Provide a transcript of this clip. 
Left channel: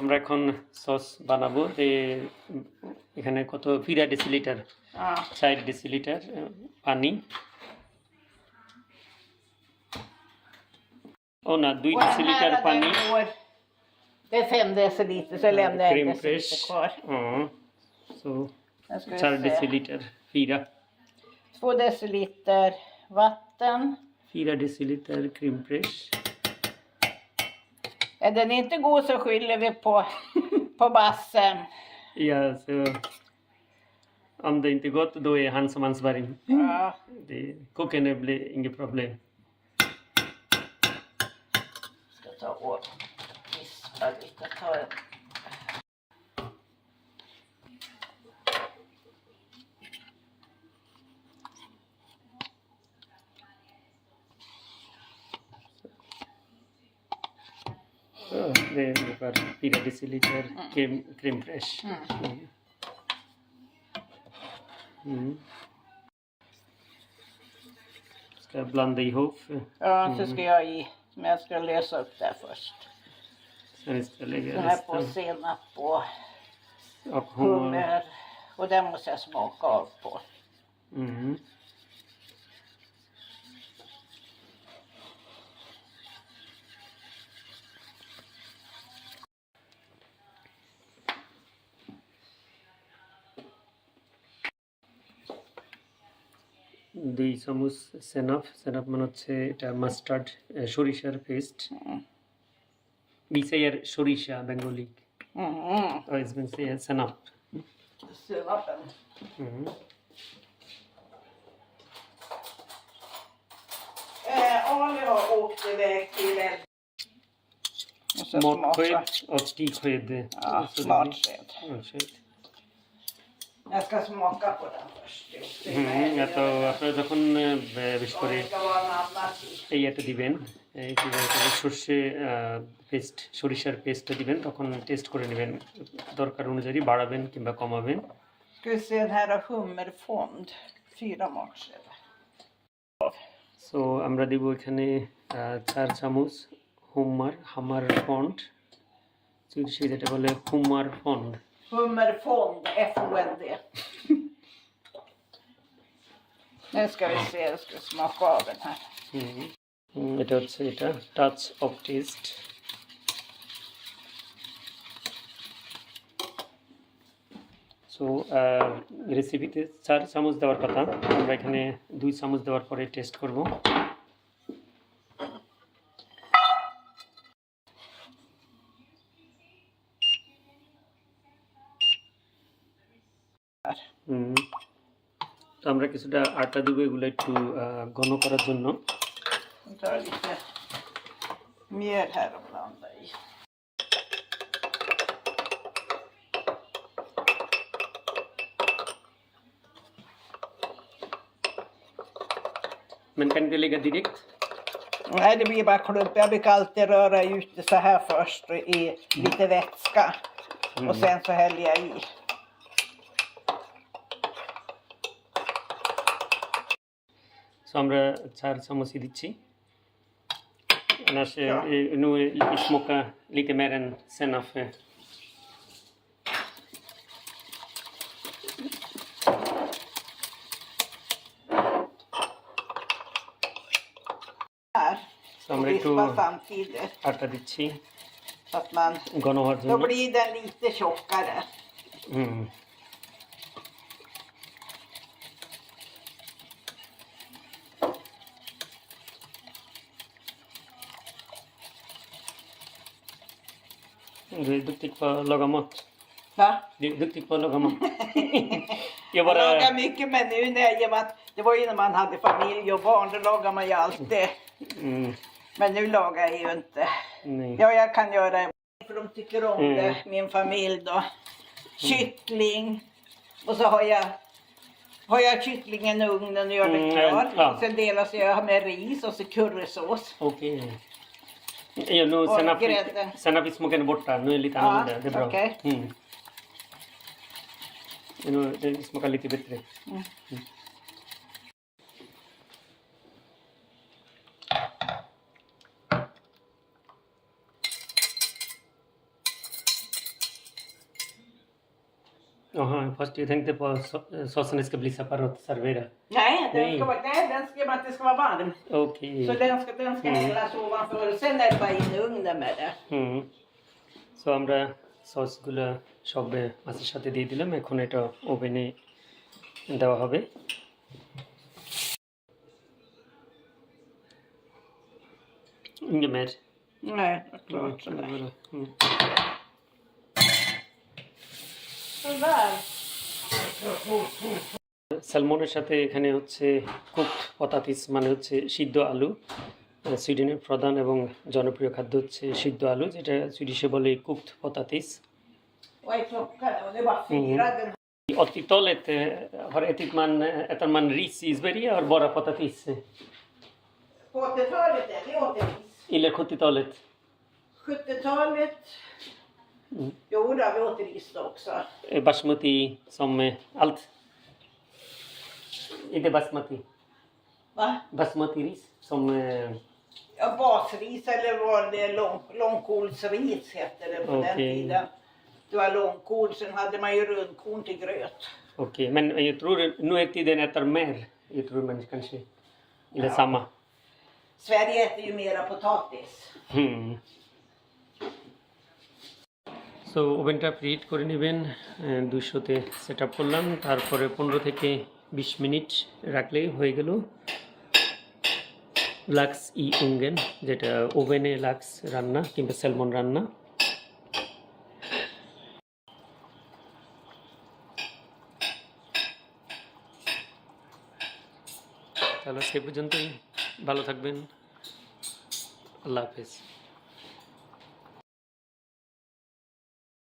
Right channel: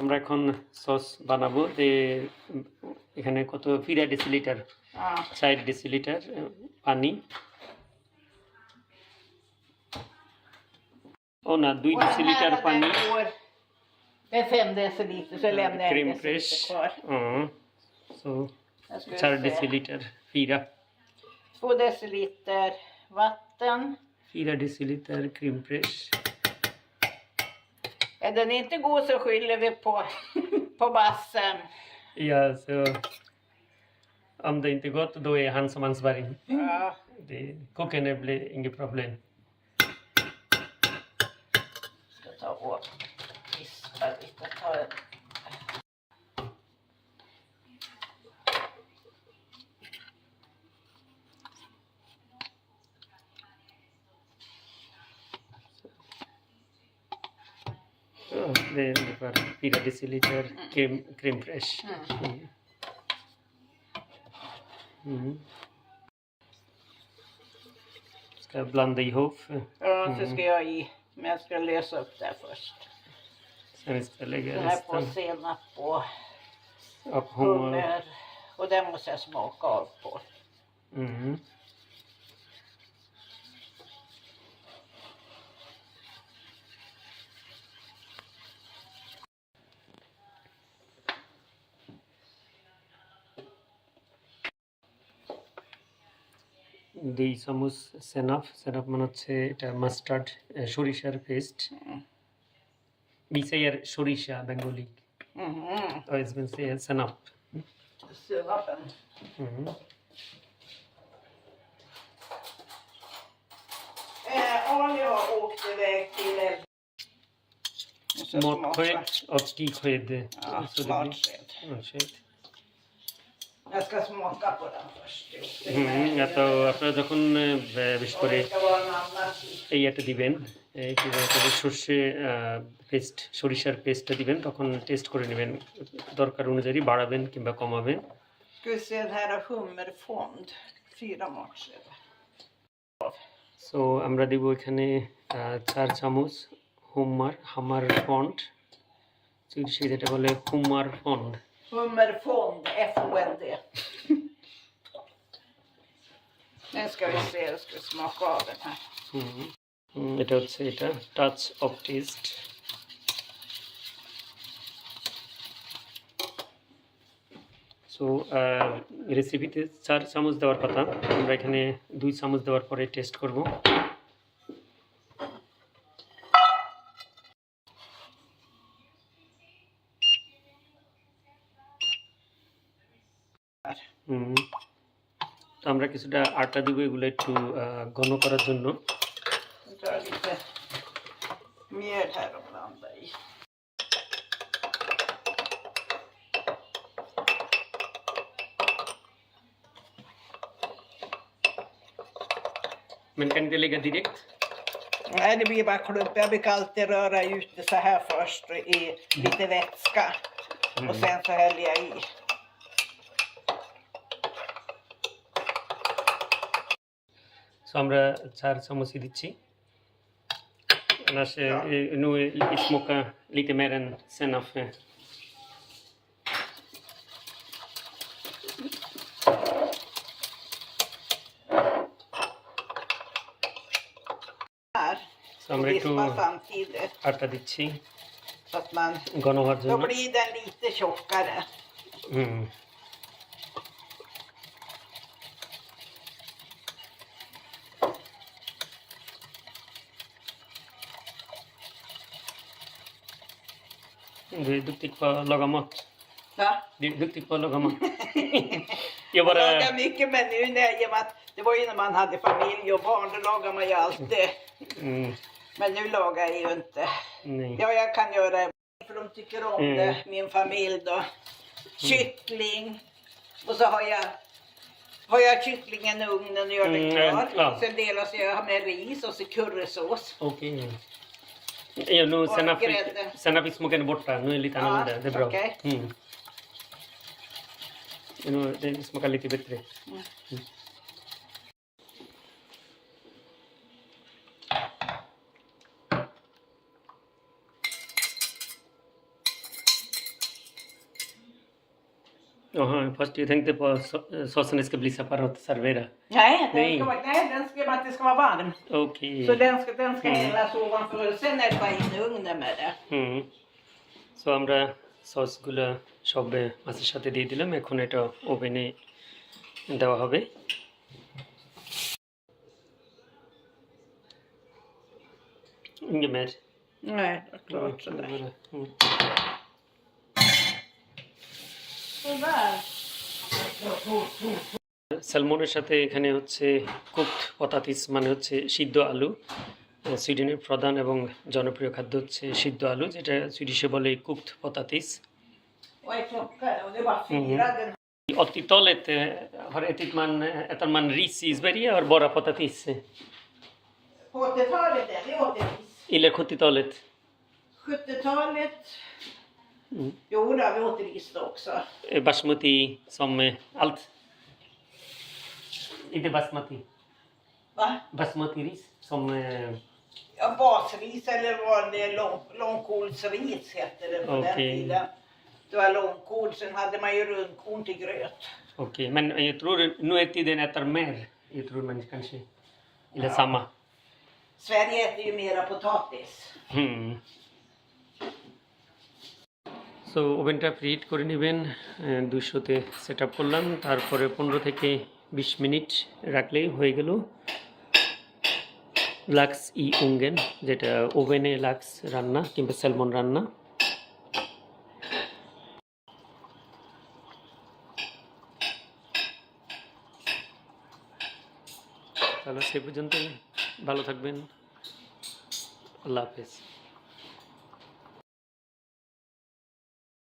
আমরা এখন সস বানাবো। এখানে কত 4 ডেসিলিটার 4 ডেসিলিটার পানি, ও না 2 ডেসিলিটার পানি, Det är 5 deciliter så lämnar jag 1 cream fresh, deciliter kvar. så 4 deciliter 4 2 deciliter vatten. 4 deciliter cream fresh. Är den inte god så skyller vi på bassen. Ja, så om det inte gott då är han som ansvarig. Ja. Koken blir inget problem. Ska ta och vispa lite. Det är ungefär 4 deciliter crème fraîche. Ska jag blanda ihop? Ja, så ska jag i. Men jag ska lösa upp det först. Sen ska jag lägga Den här på resten. senap Och hummer. Och den måste jag smaka av på. দুই চামচ সেনাপ মানে হচ্ছে এটা মাস্টার্ড সরিষার paste. Vi säger সরিষা Bengali, och man säger senap. Senapen. Ali har åkt iväg till Måttsked och stigsked. Ja, smartsked. Jag ska smaka på den först. তো আপনারা যখন বেশ করে এই এটা দিবেন, সর্ষে পেস্ট সরিষার পেস্টটা দিবেন, তখন টেস্ট করে নেবেন, দরকার অনুযায়ী বাড়াবেন কিংবা কমাবেন। Ska vi se, den här är hummerfond 4 matskedar. So আমরা দিব এখানে 4 চামচ হামার ফন্ড, যেটা বলে homer fond. Hummerfond, FOND. Nu ska vi se, jag ska smaka av den här. এটা হচ্ছে এটা টাচ অফ টেস্ট। সো রেসিপিতে 4 চামচ দেওয়ার কথা, আমরা এখানে 2 চামচ দেওয়ার পরে টেস্ট করব। তো আমরা কিছুটা আটা দিব এগুলো একটু ঘন করার জন্য। Ta lite mjöl här och blanda i. Men kan inte lägga direkt? Nej, det blir bara klump. Jag brukar alltid röra ut det så här först i lite vätska. Och sen så häller jag i. Så আমরা 4 চামচ দিচ্ছি। Annars nu smaka lite mer än senap. Här. Så আমরা একটু Vispa samtidigt. আটা দিচ্ছি Så att man, ঘন হওয়ার då জন্য। blir den lite tjockare. Du är duktig på att laga mat. Va? Du är duktig på att laga mat. Jag Jag bara... lagar mycket, men nu när det var ju när man hade familj och barn, då lagar man ju alltid. Men nu lagar jag ju inte. Nej. Ja, jag kan göra det. För de tycker om det, min familj då. Kyckling. Och så har jag kycklingen i ugnen och gör det klar. Ja. Och sen delas jag med ris och så currysås. Okej. Ja, nu senap är smaken borta. Nu är det lite annorlunda. Det är bra. Okay. Nu det smakar lite bättre. Jaha, fast jag tänkte på såsen ska bli separat servera. Nej, Nej. den ska, att det ska vara varm. Okej. Så den ska hällas ovanför och sen är det bara in i ugnen med det. So আমরা সসগুলো সব মাছের সাথে দিয়ে দিলাম, এখন এটা ওভেনে দেওয়া হবে। Inget mer? Nej, det är klart sådär. Sådär. স্যালমনের সাথে এখানে হচ্ছে কুকড পতাতিস, মানে হচ্ছে সিদ্ধ আলু। সুইডেনের প্রধান এবং জনপ্রিয় খাদ্য হচ্ছে সিদ্ধ আলু, যেটা সুইডিশে বলে কুকড পতাতিস। Och är klockan och det är bara 4. Den 80-talet äter man ris i Sverige och bara potatis. På 80-talet är det åt ris. Eller 70-talet. 70-talet. Jo, då har vi åt ris då också. Basmati som allt. Inte basmati. Va? Basmati ris som... Ja, basris eller var det långkolsris hette det på den Okej. tiden. Det var långkol, sen hade man ju rundkorn till gröt. Okej, men jag tror nu är tiden äter mer. Jag tror man kanske... Eller samma. Sverige äter ju mera potatis. So ওভেনটা প্রিহিট করে নেবেন, 200-তে set up করলাম, তারপরে 15 থেকে 20 মিনিট রাখলেই হয়ে গেল লাক্স ই উঙ্গেন, যেটা ওভেনে লাক্স রান্না কিংবা স্যালমন রান্না। তাহলে সে পর্যন্তই, ভালো থাকবেন, আল্লাহ হাফেজ।